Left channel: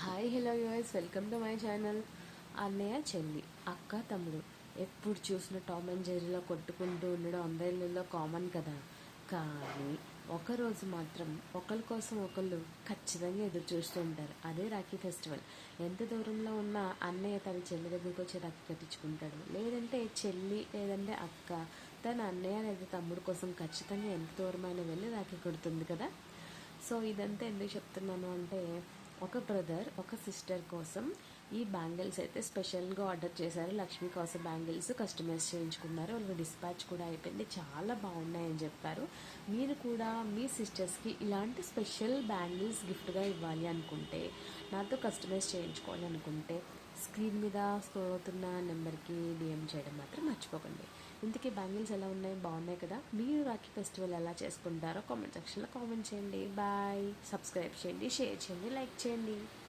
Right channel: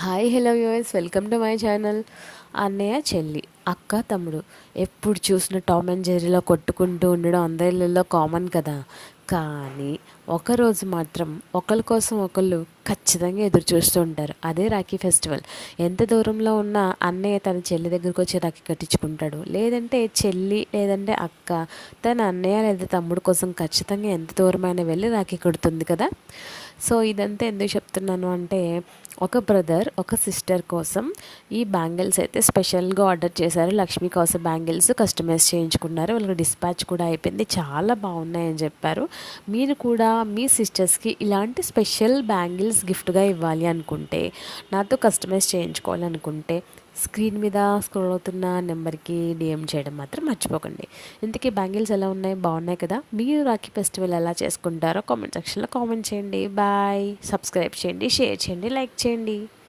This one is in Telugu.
Hi hello US welcome to my channel. అన్నయ్య చెల్లి అక్క తమ్ముడు ఎప్పుడు చూసిన టామ్ అండ్ జెర్రీలో కొట్టుకుంటూ ఉండడం అందరిలో కామన్ కదా. కానీ ఒకరోజు మాత్రం ఒకరి కోసం ఒకళ్ళు ఖచ్చితంగా ఎదురు చూస్తూ ఉంటారు. అదే రాఖీ ఫెస్టివల్. ఎంత దూరంలో ఉన్నా అన్నయ్య తన చెల్లి దగ్గరకు వచ్చి రాఖీ కట్టించుకుంటాడు, లేదంటే చెల్లి లేదంటే అక్క తన అన్నయ్య లేదా తమ్ముడు కోసం ఖచ్చితంగా ఎంత దూరమైనా వెళ్ళి రాఖీ కడుతుంది కదా. సో ఇదంతా ఎందుకు చెప్తున్నాను అంటే, ఒక బ్రదర్ ఒక సిస్టర్ కోసం ఈ బ్యాంగిల్స్ అయితే స్పెషల్గా ఆర్డర్ చేశారు. లక్ష్మీ కోసం బ్యాంగిల్స్ కస్టమైజ్ చేయించుకున్నారు. వాళ్ళకి డిస్పాచ్ కూడా అయిపోయింది. చాలా బాగున్నాయని చెప్పారు. మీరు కూడా మీ సిస్టర్స్కి ఇలాంటి స్పెషల్ బ్యాంగిల్స్ గిఫ్ట్గా ఇవ్వాలి అనుకుంటే, నాతో కస్టమైజ్ చేయించుకోవాలనుకుంటే స్క్రీన్ మీద స్క్రోల్ అవుతున్న నెంబర్కి డిఎం చేయడం మాత్రం మర్చిపోకండి. ఇంతకీ బ్యాంగిల్స్ ఎలా ఉన్నాయి, బాగున్నాయి కదా. మీరు రాఖీ ఫెస్టివల్ ఎలా చేసుకుంటారో కామెంట్ సెక్షన్లో కామెంట్ చేయండి. బాయ్. సబ్స్క్రైబ్ చేయండి, షేర్ చేయండి, లైక్ చేయండి.